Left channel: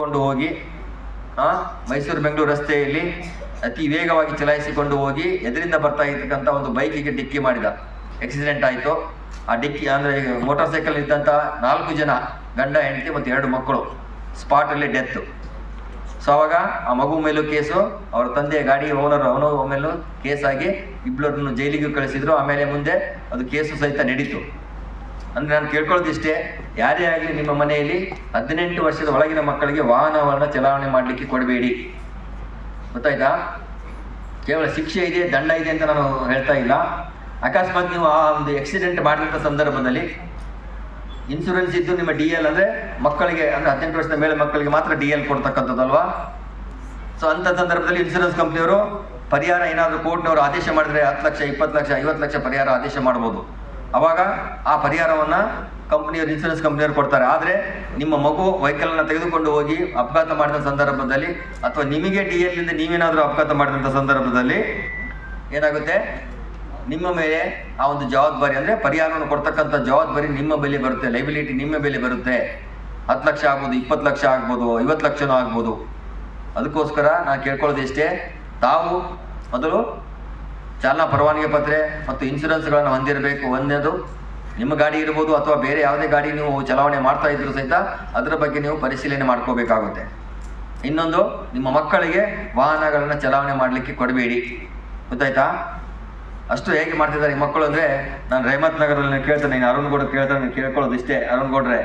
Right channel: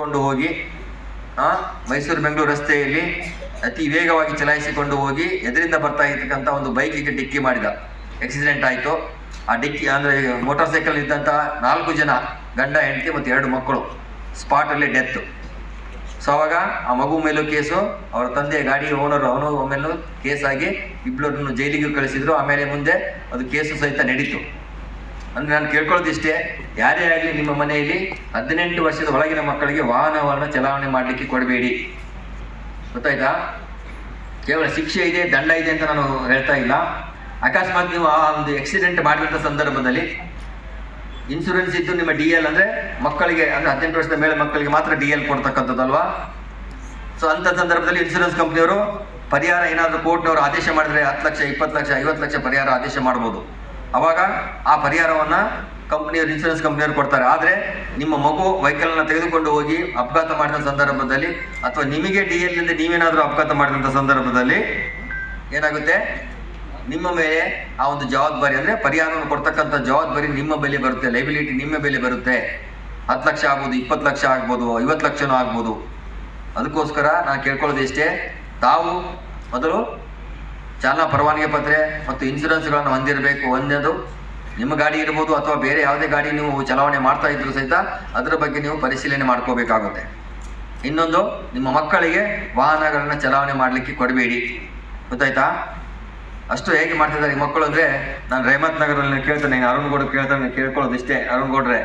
ಕೊಂಡು ಹೋಗಿ ಮೈಸೂರು ಬೆಂಗಳೂರು ರಸ್ತೆಯಲ್ಲಿ ಅತಿ ವೇಗವಾಗಿ ಚಲಾಯಿಸಿಕೊಂಡು ಹೋಗಿ ಎದುರಿಂದ ಬರ್ತಾ ಇರ್ತಕ್ಕಂಥ ಒಂದು ಬೈಕಿಗೆ ಡಿಕ್ಕಿ ಮಾಡಿದ. ಆಕ್ಸಿಡೆಂಟ್ ಆಯಿತು. ಆ ಡಿಕ್ಕಿ ಅಂದರೆ ಮೋಟಾರ್ ಸೈಕಲ್ ಇದ್ದಂಥ 4 ಜನ ಗಂಡ ಹೆಂಡತಿ ಮತ್ತು 2 ಮಕ್ಕಳು ಸ್ಪಾಟಲ್ಲಿ ಡೆತ್. ಸೊ ಅವಾಗ ಆ ಮಗು ಮೇಲೂ ಕೇಸು, ಅವ್ರ ತಂದೆ ಗಾಡಿ ಓನರ್ ಅವನು ಮೇಲೂ ಕೇಸಾಗಿ ಇಬ್ಬರನ್ನು ಜೈಲಿಗೆ ಕಳಿಸಿದ್ರು. ಆಮೇಲೆ ಮುಂದೆ ಅದು ಕೇಸು ಸಹಿತ ನಡೀತು. ಅಂದರೆ ನಾನು ಕೇಳ್ಕೊಳ್ಳೋದಿಷ್ಟೇ, ಯಾರೇ ಆಗಲಿ ನಿಮ್ಮ ಮನೆಯಲ್ಲಿ 18 ವರ್ಷದ ಒಳಗಿನ ಮಕ್ಕಳಿಗೆ ವಾಹನವನ್ನು ಚಲಾವಣೆ ಮಾಡಲಿಕ್ಕೆ ಕೊಡಬೇಡಿ. ಗೊತ್ತಾಯ್ತಾ? ಕೇವಲ ಶಿಕ್ಷೆ ಇದೆ, ದಂಡ ಇದೆ ಅಂತ ನಾನು ಹೇಳ್ತಾ ಇಲ್ಲ. ಅಕಸ್ಮಾತ್ ನೀವು ಆ ಒಂದು ಆಕ್ಸಿಡೆಂಟ್ ಮಾಡಿದಂಥ ಸಂದರ್ಭದಲ್ಲಿ ಇನ್ಶೂರೆನ್ಸ್ ಇದ್ದು ನಿಮ್ಮ DL ಅಂದರೆ ಮಕ್ಕಳಿಗೆ, ಅಂದರೆ 18 ವರ್ಷದ ಮೇಲೆ ಮಕ್ಕಳಿಗೆ ಮಾತ್ರ DL ಕೊಡ್ತಕ್ಕಂಥದ್ದಲ್ವಾ. ಸೊ ಅಂಥ ಸಂದರ್ಭದಲ್ಲಿ ಇನ್ಶೂರೆನ್ಸ್ ಕಂಪ್ನಿಯವರು ಪರಿಹಾರ ಏನಾದರೂ ಕೋರ್ಟ್ನವರು ಆದೇಶ ಮಾಡಿದರೆ 10 ಲಕ್ಷ 20 ಲಕ್ಷ 50 ಲಕ್ಷ ಪರಿಹಾರ ಆದೇಶ ಮಾಡ್ಬೋದು. ಆವಾಗ ಆ ಪರಿಹಾರವನ್ನು ಕಂಪ್ನಿಯವರು, ಇನ್ಶೂರೆನ್ಸ್ ಕಂಪ್ನಿಯವರು ಕೊಡ್ತಾರೆ. ಆದರೆ ನಿಮ್ಮ ಮಗು ವೆಹಿಕಲ್ನ ತೆಗೆದುಕೊಂಡು ಹೋಗಿ ಅಪಘಾತ ಮಾಡಿದ ಸಂದರ್ಭದಲ್ಲಿ ಅಥವಾ ನಿಮಗೆ DLನಿಂದ ನೀವೇನಾದರೂ ಅಪಘಾತ ಮಾಡಿದಂಥ ಸಂದರ್ಭದಲ್ಲಿ ಏನಾಗುತ್ತೆ, ನಿಮ್ಮ ಮೇಲೆ ಆ ಒಂದು ಜವಾಬ್ದಾರಿ, ಅಂದರೆ ಪರಿಹಾರವನ್ನು ಕೊಡ್ತಕ್ಕಂಥ ಜವಾಬ್ದಾರಿ ನಿಮ್ಮ ಬೆಲೆ ಬರುತ್ತೆ, ಲೈಬಿಲಿಟಿ ನಿಮ್ಮ ಬೆಲೆ ಬರುತ್ತೆ. 10 ಲಕ್ಷ ಆಗ್ಬೋದು, 20 ಲಕ್ಷ ಆಗ್ಬೋದು, 50 ಲಕ್ಷನೂ ಆಗ್ಬೋದು. ಅದಕ್ಕೋಸ್ಕರ ನಾನು ಕೇಳ್ಕೊಳ್ಳೋದು ಇಷ್ಟೇ, ತಾವು ಮೊದಲು ಚಾಲನಾ ಪರವಾನಗಿ ಪತ್ರ ಮತ್ತು ಇನ್ಶೂರೆನ್ಸ್ಗಳನ್ನು ಹೊಂದಿರಬೇಕು. ಒಂದನೇದು ನಿಮ್ಮ ಗಾಡಿ ಇರ್ಬೋದು ಅಥವಾ ಬೇರೆ ಯಾವುದೇ ಗಾಡಿ ನೀವು ಚಲಾವಣೆ ಮಾಡ್ತಾ ಇದ್ರೂ ಸಹಿತ ಅದರ ಬಗ್ಗೆ ನೀವು ಪರಿಶೀಲನೆ ಮಾಡ್ಕೋಬೇಕಾಗುತ್ತೆ. ಇನ್ನೊಂದು, ನಿಮ್ಮ ಮಕ್ಕಳಿಗೆ ವಾಹನಗಳನ್ನು ಚಲಾವಣೆ ಮಾಡಲಿಕ್ಕೆ ಕೊಡಬೇಡಿ. ಗೊತ್ತಾಯ್ತಾ? ಅಷ್ಟು ಹೇಗೆ ಮಾಡ್ತಿದ್ದಾರೆ ಈ ಮಕ್ಕಳು ಅಂದರೆ, ನಾನು ರೇಮತ್ ನಗರದಲ್ಲಿ ಕೇಳ್ತೇನೆ, ಅರುಣ್ ಗೌಡ ಕೇಳ್ತಾನೆ, ಕೇಳ್ಕೊಳ್ಳೋದು ಇಷ್ಟೇ, ಅರುಣ್ ಗೌಡ್ರೆ,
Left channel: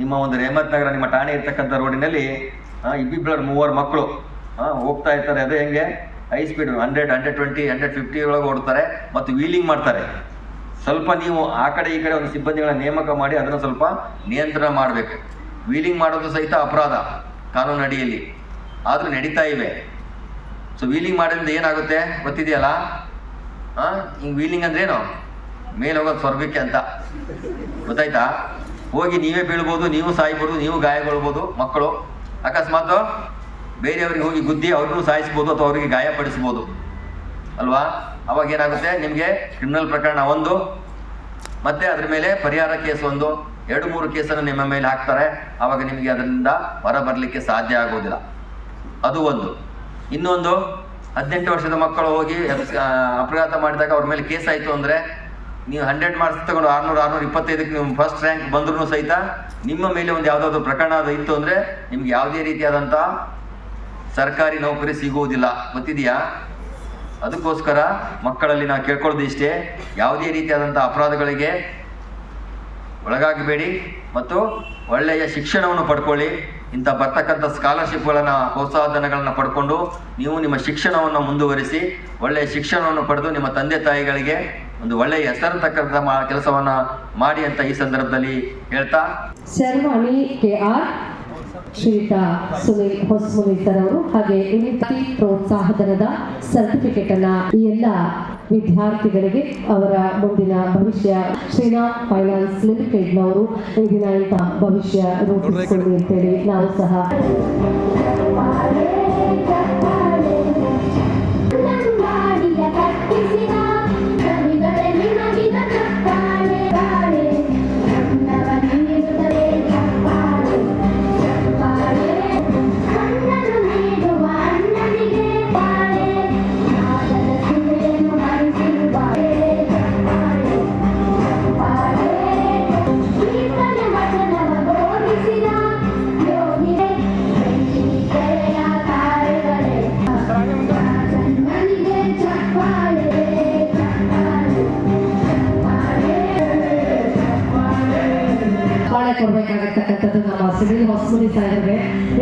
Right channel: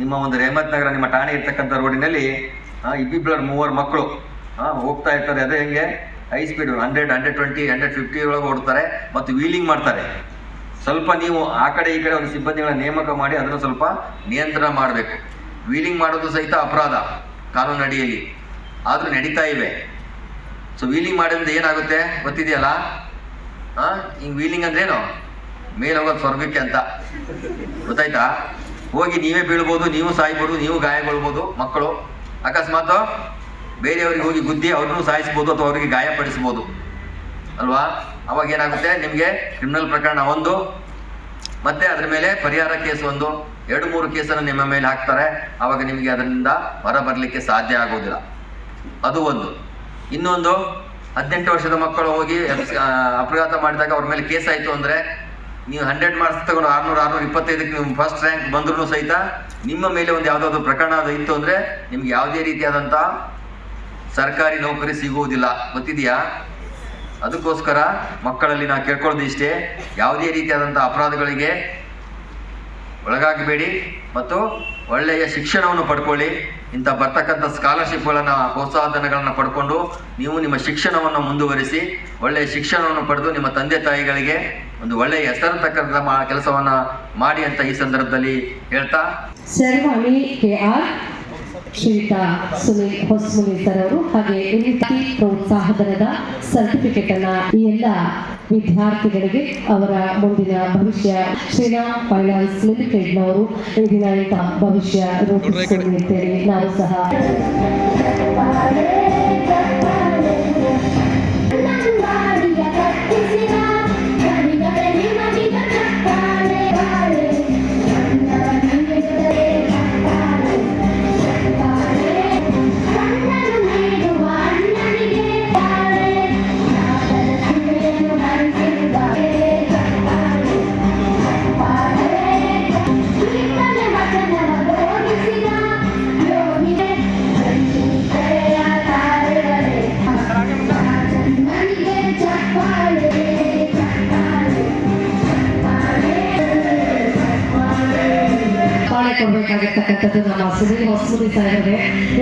ನಿಮ್ಮ ಒಂದು ರೇಮತ್ ನಗರ ನಿಮ್ಮ ಠಾಣೆ ಇರ್ತಕ್ಕಂಥ ರೋಡಿನಲ್ಲಿ ಇಬ್ಬಿಬ್ಬರು 3 ಮಕ್ಕಳು ಹೋಗ್ತಾ ಇರ್ತಾರೆ. ಅದೇ ಹೆಂಗೆ ಹೈ ಸ್ಪೀಡ್ 100, 120, 150 ಒಳಗೆ ಓಡ್ತಾರೆ ಮತ್ತು ವೀಲಿಂಗ್ ಮಾಡ್ತಾರೆ. ಸ್ವಲ್ಪ ನೀವು ಆ ಕಡೆ ಈ ಕಡೆ ಒಂದು ಸಿಬ್ಬಂದಿಗಳ ನೇಮಕ ಮಾಡಿ ಅದನ್ನು ಸ್ವಲ್ಪ ನಿಯಂತ್ರಣ ಮಾಡಬೇಕು. ವೀಲಿಂಗ್ ಮಾಡೋದು ಸಹಿತ ಅಪರಾಧ ಕಾನೂನು ಅಡಿಯಲ್ಲಿ, ಆದರೂ ನಡೀತಾ ಇವೆ. ಸೊ ವೀಲಿಂಗ್ ಮಾಡೋದ್ರಿಂದ ಏನಾಗುತ್ತೆ ಗೊತ್ತಿದೆಯಲ್ಲ? ಹಿಂಗೆ ವೀಲಿಂಗ್ ಅಂದ್ರೇನು, ಮೇಲೆ ಹೋಗೋದು ಸ್ವರ್ಗಕ್ಕೆ ಅಂತ. ಗೊತ್ತಾಯ್ತಾ? ಹೋಗಿ ನೀವೇ ಬೀಳ್ಬೋದು, ನೀವು ಸಾಯ್ಬೋದು, ನೀವು ಗಾಯಗೊಳ್ಬೋದು. ಮಕ್ಕಳು ಅಕಸ್ಮಾತ್ ಬೇರೆಯವ್ರಿಗೆ ಹೋಗಿ ಗುದ್ದಿ ಅವ್ರನ್ನೂ ಸಾಯಿಸ್ಬೋದು ಅಥವಾ ಅವರಿಗೆ ಗಾಯಪಡಿಸ್ಬೋದು ಅಲ್ವಾ? ಅವಾಗ ಏನಾಗುತ್ತೆ, ನಿಮಗೆ ಕ್ರಿಮಿನಲ್ ಪ್ರಕರಣ 1 ಮತ್ತು ಅದರ ಮೇಲೆ ಪರಿಹಾರ ಕೇಸ್ 1, 2-3 ಕೇಸನ್ನು ನಿಮ್ಮ ಮೇಲೆ ಹಾಕ್ತಾರೆ. ಆವಾಗ ನಿಮಗೆ ಅದರಿಂದ ಹೊರ ಬರಲಿಕ್ಕೆ ಸಾಧ್ಯ ಆಗೋದಿಲ್ಲ. ಅದು ಒಂದು. ಇನ್ನೊಂದು, 18 ವರ್ಷದ ಮಕ್ಕಳು ಹೋಗಿ ಅಪಘಾತ ಮಾಡಿದಾಗ ಅವ್ರ ಮೇಲೆ ಕೇಸ್ ಆಯಿತು ಅಂದರೆ, ನೀವು 100 ಮಾರ್ಕ್ಸ್ ತಗೊಂಡು 600, 625ಕ್ಕೆ ನೀವು ಫಸ್ಟ್ ರ್ಯಾಂಕ್ ಬಂದ್ರೂ ಸಹಿತ ನಿಮ್ಮ ಮೇಲೆ ಒಂದು ಯಾವುದಾದ್ರು ಪ್ರಕರಣ ಅದು ಇತ್ತು ಅಂದರೆ ನಿಮ್ಗೆ ಯಾವುದೇ ರೀತಿಯಾದಂಥ ಸರ್ಕಾರಿ ನೌಕರಿ ಸಿಗುವುದಿಲ್ಲ. ಗೊತ್ತಿದೆಯಾ? ಅದಕ್ಕೋಸ್ಕರ ಮಕ್ಕಳಲ್ಲಿ ನಾವು ಕೇಳ್ಕೊಳ್ಳೋದು ಇಷ್ಟೇ, ಯಾವುದೇ ರೀತಿಯಾದಂಥ ಅಪರಾಧಗಳಿಗೆ ಒಳಗಾಗಬೇಡಿ ಮತ್ತು ಒಳ್ಳೆಯ ಶಿಕ್ಷಣವನ್ನು ಪಡ್ಕೊಳ್ಳಿ. ಇಂಥ ಬರ್ತಕ್ಕಂಥ ಸ್ಕಾಲರ್ಶಿಪ್ಗಳನ್ನು, ಪ್ರೋತ್ಸಾಹಧನಗಳನ್ನು ಪಡ್ಕೊಂಡು ನೀವು ನಿಮ್ಮ ಶಿಕ್ಷಣವನ್ನು ಮುಂದುವರಿಸಿ ಒಳ್ಳೆಯ ಶಿಕ್ಷಣವನ್ನು ಪಡೆದು ನಿಮ್ಮ ತಂದೆ ತಾಯಿಗಳಿಗೆ ಒಂದು ಒಳ್ಳೆಯ ಹೆಸರು ತಕ್ಕಂಥ ಕೆಲಸವನ್ನು ಮಾಡಿ ಅಂತ ಈ ಸಂದರ್ಭದಲ್ಲಿ ಹೇಳ್ತಾ, ಸರ್ವಾಣಿ KR ಶ್ರೀಯುತ ಸುನೀಲ್ ಹೊಸಮುನಿ ಸರ್ ಅವರು ಹಾಗೆ ಪ್ರೋತ್ಸಾಹಧನದ ಸರ್ಟಿಫಿಕೇಟ್ ಅನ್ನ ಈ ಎಲ್ಲ ವಿದ್ಯಾರ್ಥಿಗಳಿಗೆ ಅವರ ಮುಂದಿನ ಭವಿಷ್ಯ ಶ್ರೀರಾಮ್ ಫೈನಾನ್ಸ್ ಲಿಮಿಟೆಡ್ನವರು ಈ ದಿನ ಭವಿಷ್ಯ ರೂಪಿಸಿಕೊಳ್ಳಿ ಅಂತೇಳಿ ನಾವು ಸಹ ಕೊಡಬೇಕಾಗತಕ್ಕಂಥದ್ದು ನಮ್ಮ ಸುನೀಲ್ ಹೊಸಮುನಿ ಸಾಹೇಬರೇ.